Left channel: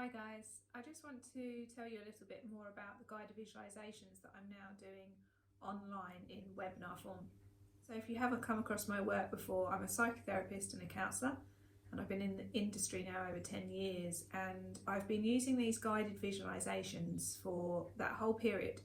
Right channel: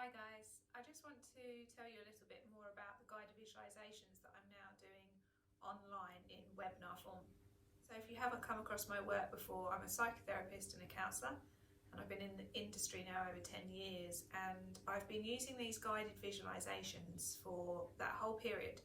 Hi guys, I just want to tell you a little bit more about the guided visualizations that I'm now doing online in webinar form. So if you haven't come across my work before, I'm a psychotherapist and a counsellor, and I've been in the industry now over 10 years, and I've been using these guided visualizations for that whole period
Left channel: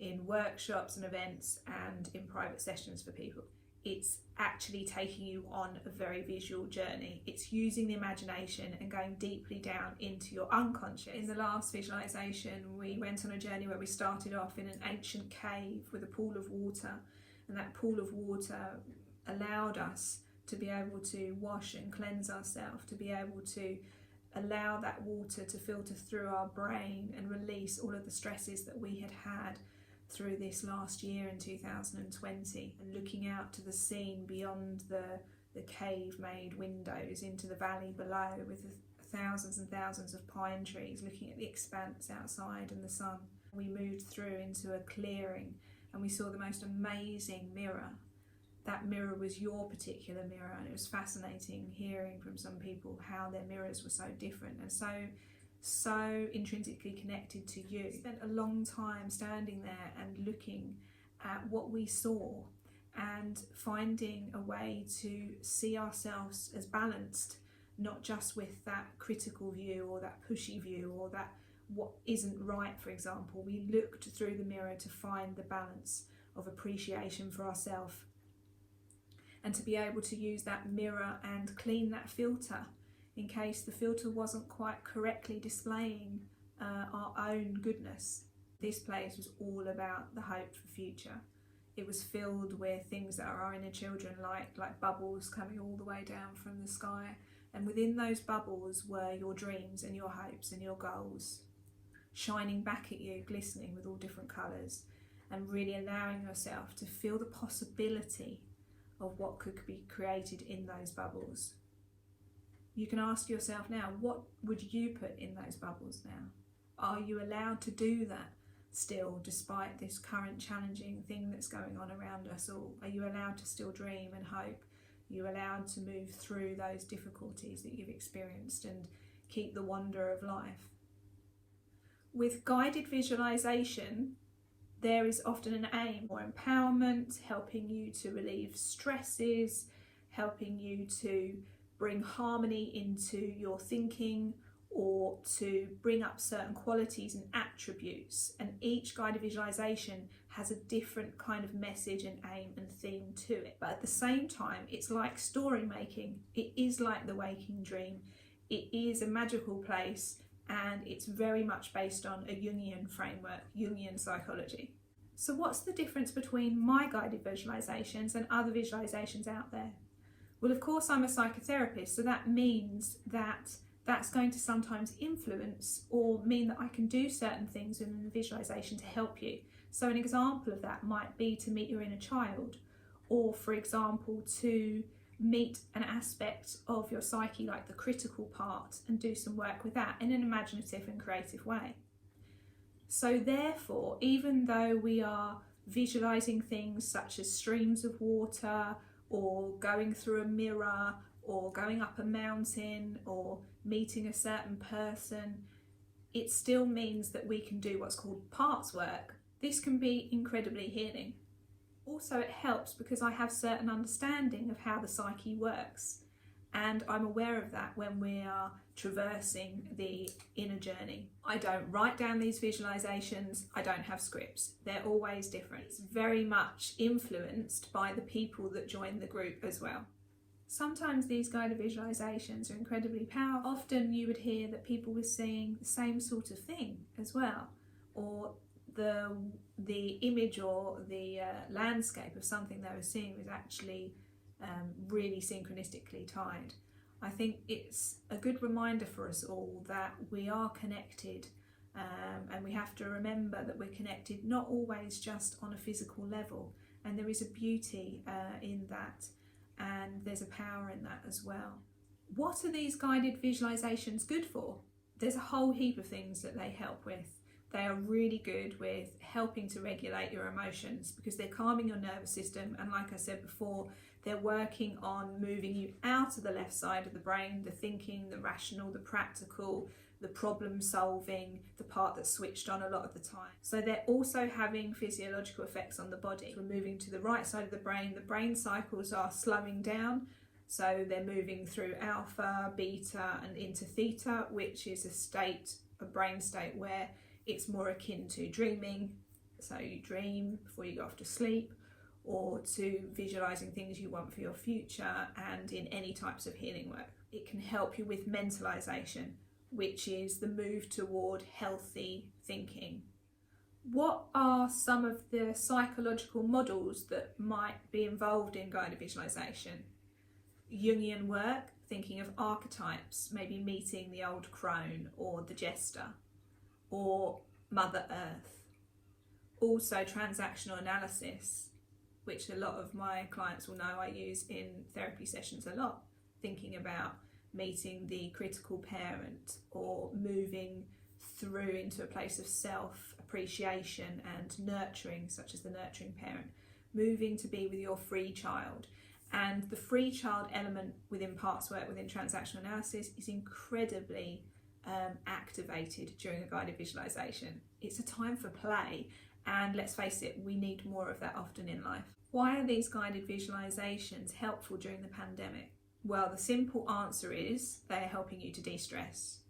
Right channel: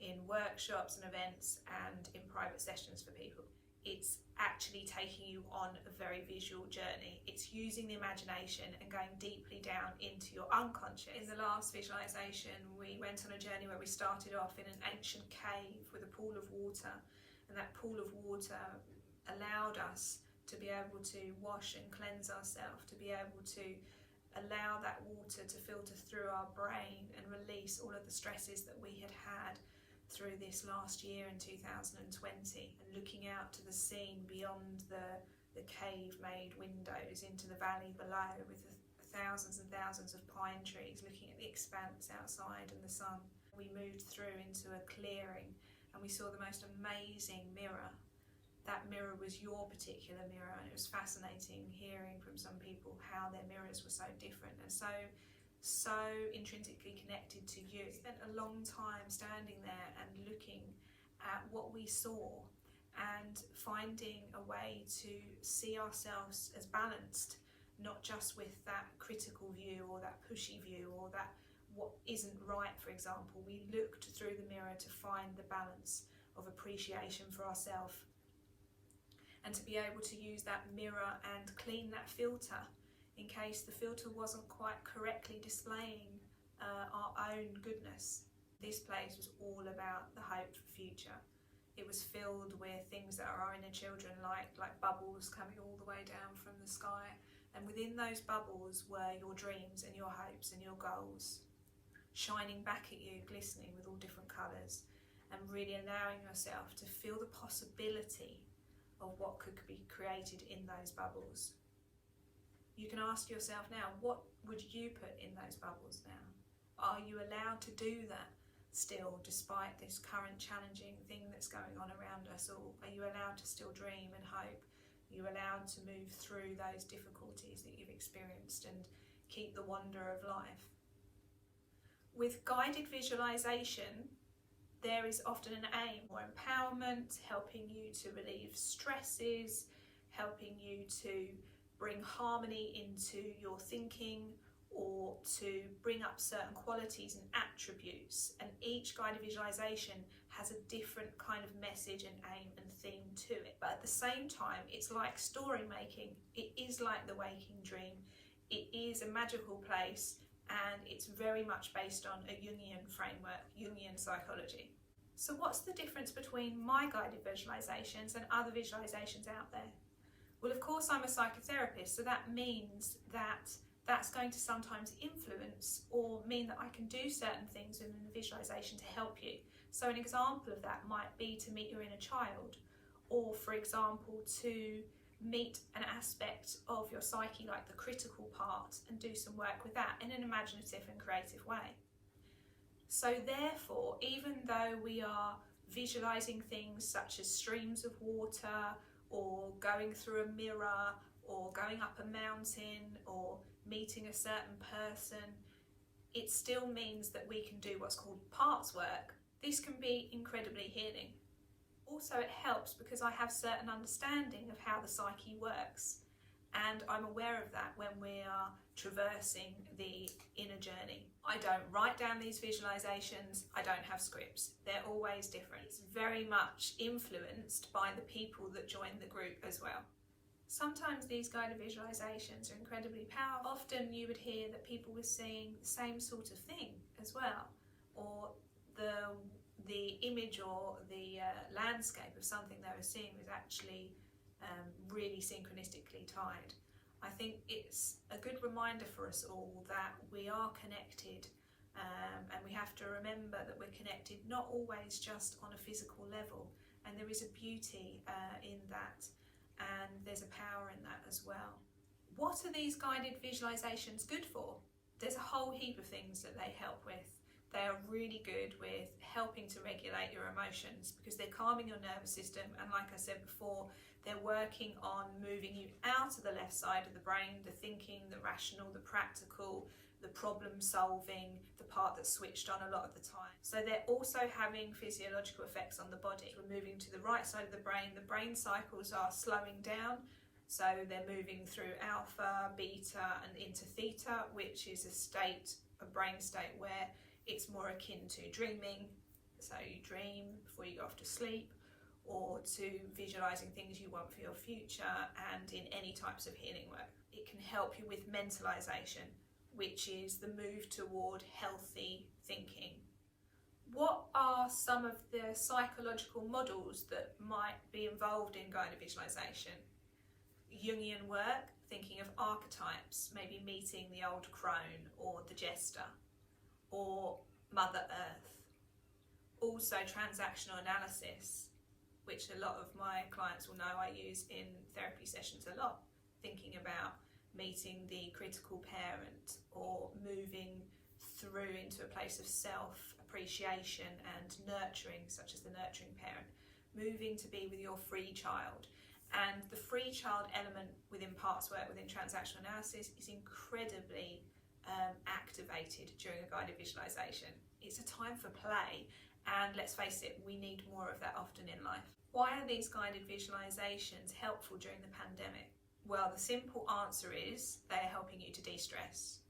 in workshops and events and in private sessions for people. It's actually taking you on a very visual journey. It's using the imagination and going deeply down into your unconscious. In the last visualization, we went on a journey where we started off in an ancient cave with a pool of water, and that pool of water allowed us to be able to wash and cleanse ourselves, to be able to allow that water to filter through our brain and release all of the stresses that we had had through this last year in 2020, and looking out to the scene beyond the cave made windows into the valley below with thousands and thousands of pine trees, looking at the expanse outside and the sun. We moved through into a clearing and we saw the most amazing mirror. That mirror was your particular mirror, and it was fascinating hearing from some people how their mirrors were so different and so intrinsically connected to you. We spent a long time standing there and looking at what we saw and finding a way to see ourselves as balanced, not just with that critical view or that pushy view or that what isn't right, for example. We looked through the mirror to find the balance of appreciation for ourselves, and to be able to use that mirror and clean that filter in case the filter wasn't quite correctly displaying our own goodness. This place was all about the hope for future. It was filled with things that our inner children like bubbles coming all the way down from the sky. And within those bubbles were your dreams and your hopes and your goals, shining back at you, glistening with all different colours, and really allowing yourself to feel the possibility of what could be created in those bubbles. You can ask yourself now, what would you put in those bubbles now? Are you allowed to do that still, despite this current challenging thing that's going on around us all? Are you allowed to still dream and hope? Are you allowed to move through those difficulties that you've experienced and keep the wonder of life? With guided visualization, there is often an aim or empowerment, helping you to relieve stresses, helping you to bring harmony into your thinking, or to bring up certain qualities and attributes. And each guided visualization has a different kind of message and aim and theme to it. But at the same time, it's like story making. It is like the waking dream. It is a magical place, and it's very much based on a Jungian framework, Jungian psychology. So what's the difference between my guided visualizations and other visualizations out there? Well, of course, I'm a psychotherapist, so that means that that's going to sometimes influence or mean that I can do certain things in the visualization to help you. So an example of that might be to meet your inner child, or for example, to meet an aspect of your psyche like the critical part and do some work with that in an imaginative and creative way. So therefore, even though we are visualizing things such as streams of water, or going through a mirror, or going up a mountain, or meeting a certain person, it still means that we can do what's called parts work. This can be incredibly healing. Also, it helps because I have certain understanding of how the psyche works, and I'm aware of that when we are traversing the inner journey. I don't write down these visualizations, I don't have scripts. They're always different. It's very much influenced by the people that join the group as well. Sometimes these guided visualizations are incredibly powerful. Often you would hear that people were seeing the same sort of thing as well, or the image or the landscape of something they were seeing was actually really synchronistically tied. I think it's a good reminder for us all that we are connected, and we have to remember that we're connected not always just on a physical level, and there is a beauty in that, and there's a power in that as well. What are these guided visualizations good for? There's a whole heap of things that they help with. They are really good with helping to regulate your emotions because they're calming your nervous system, and like I said before, they're working on moving you out of the left side of the brain, the thinking, the rational, the practical, the problem solving, the part that's switched on a lot of the time. So they're also having physiological effects on the body. We're moving to the right side of the brain cycles are slowing down. So they're moving through alpha, beta and into theta, which is a brain state where it's more akin to dreaming. So you dream before you go off to sleep, or to visualizing things you want for your future, and in any types of healing work. It can help you with mentalization, which is the move toward healthy thinking. What are some of the psychological models that might be involved in guided visualization? Jungian work, thinking of archetypes, maybe meeting the old crone or the jester, or Mother Earth. Also transactional analysis, which a lot of my clients will know I use in therapy sessions a lot, thinking about meeting the critical parent or moving through into a place of self-appreciation and nurturing, such as the nurturing parent, moving to be with your free child. And the free child element within parts work, within transactional analysis, is incredibly activated during a guided visualization. It's a time for play, and let's face it, we need more of that often in life. Why are these guided visualizations helpful during the pandemic? Well, the simple answer is they are helping you to de-stress.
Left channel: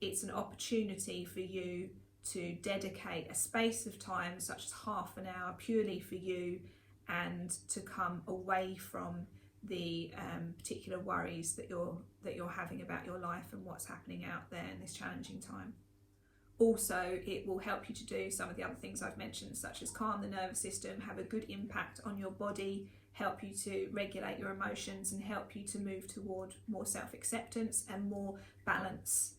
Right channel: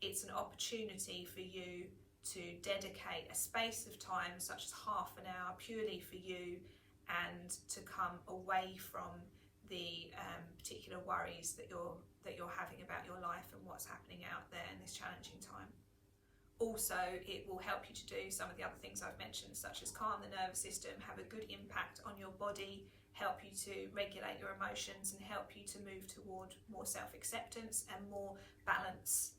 It's an opportunity for you to dedicate a space of time, such as half an hour, purely for you, and to come away from the particular worries that you're having about your life and what's happening out there in this challenging time. Also, it will help you to do some of the other things I've mentioned, such as calm the nervous system, have a good impact on your body, help you to regulate your emotions, and help you to move toward more self-acceptance and more balance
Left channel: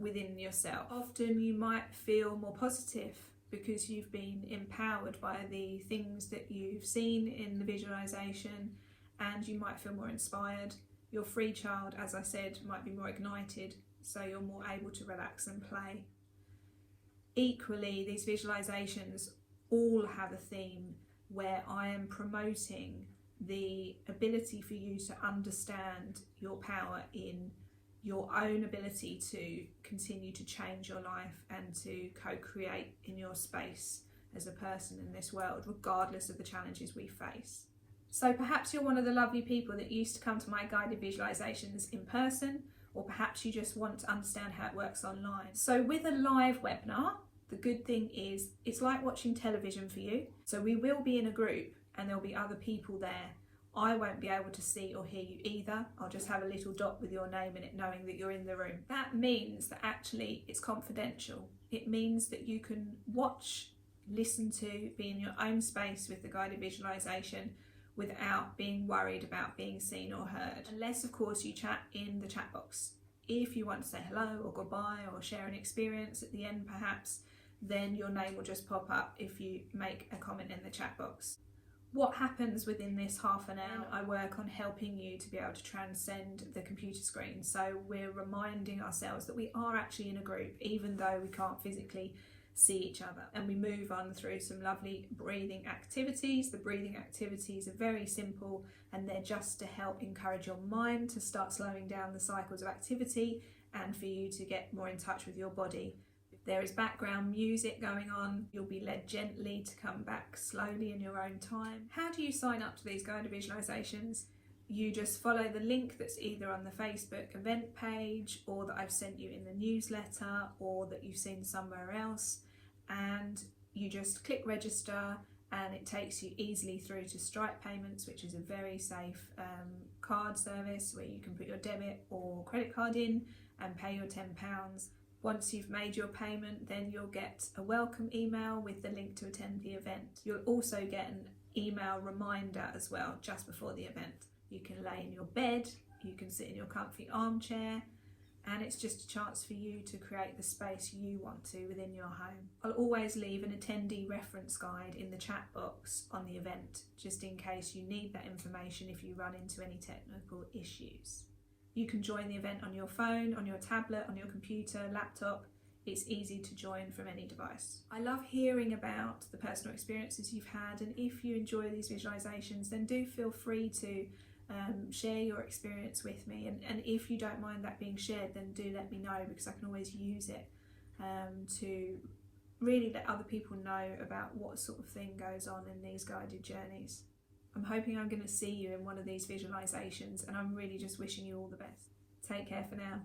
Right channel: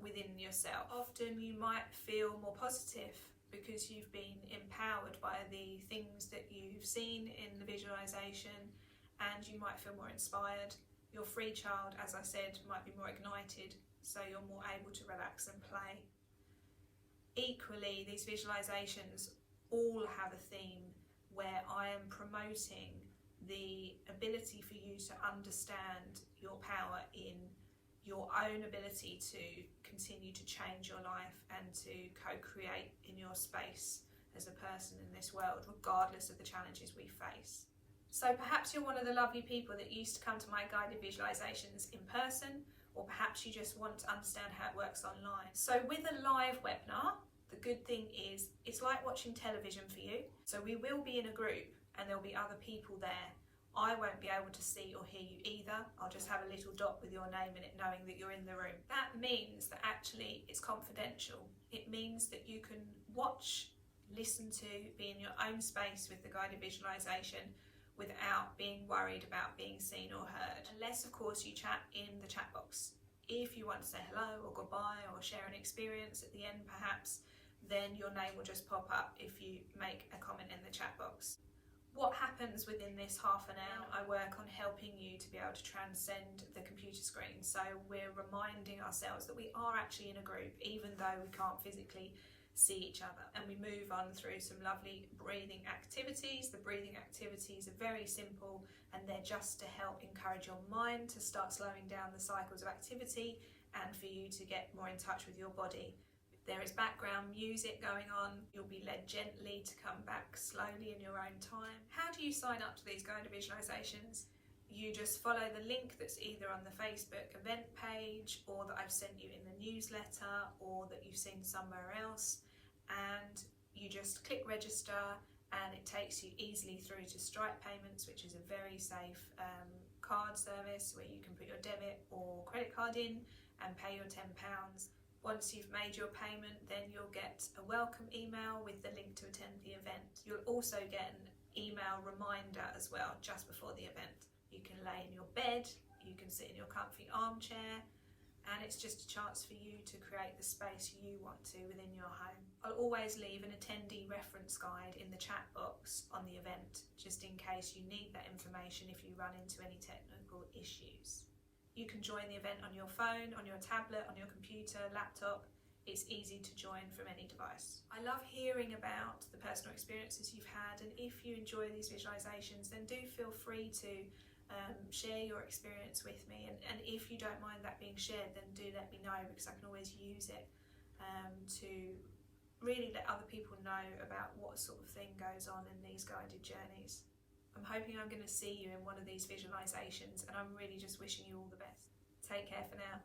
within yourself. Often you might feel more positive because you've been empowered by the things that you've seen in the visualization, and you might feel more inspired. Your free child, as I said, might be more ignited, so you're more able to relax and play. Equally, these visualizations all have a theme where I am promoting the ability for you to understand your power in your own ability to continue to change your life and to co-create in your space as a person in this world, regardless of the challenges we face. So perhaps you're one of the lovely people that used to come to my guided visualizations in person, or perhaps you just want to understand how it works online. So with a live webinar, the good thing is it's like watching television for you. So we will be in a group and there'll be other people there. I won't be able to see or hear you either. I'll just have a little dot with your name in it, knowing that you're in the room. That means that actually it's confidential. It means that you can watch, listen to, be in your own space with the guided visualization without being worried about being seen or heard. Unless, of course, you chat in the chat box. If you want to say hello or goodbye or share an experience at the end perhaps, then your name will just pop up if you make a comment in the chat box. What happens within this half an hour? I work on helping you to be able to transcend the computer screen. So we're reminding ourselves that we are actually in a group, even though we can't physically see each other. And we move on through some lovely breathing activities. The breathing activities are very simple, and they're just to help encourage your mind to start slowing down the cycles of activity and for you to get more in touch with your body. There is background music going on. You'll be led gently to come back slowly in your own time. How do you sign up to these guided visualizations? You just follow the link that's either on the Facebook event page, or that I've sent you in the newsletter, or that you've seen somewhere else, and you just click register, and it takes you easily through to Stripe payments, which is a very safe card service where you can put your debit or credit card in and pay your £10. Once you've made your payment, then you'll get a welcome email with the link to attend the event. You'll also get an email reminder as well just before the event. You can lay in your bed, you can sit in your comfy armchair, and it's just a chance for you to create the space you want to within your home. I'll always leave an attendee reference guide in the chat box on the event, just in case you need that information if you run into any technical issues. You can join the event on your phone, on your tablet, on your computer, laptop. It's easy to join from any device. I love hearing about the personal experiences you've had, and if you enjoy these visualizations, then do feel free to Share your experience with me, and if you don't mind that being shared, then do let me know, because I can always use it to really let other people know about what sort of thing goes on in these guided journeys. I'm hoping I'm going to see you in one of these visualizations, and I'm really just wishing you all the best. Take care for now.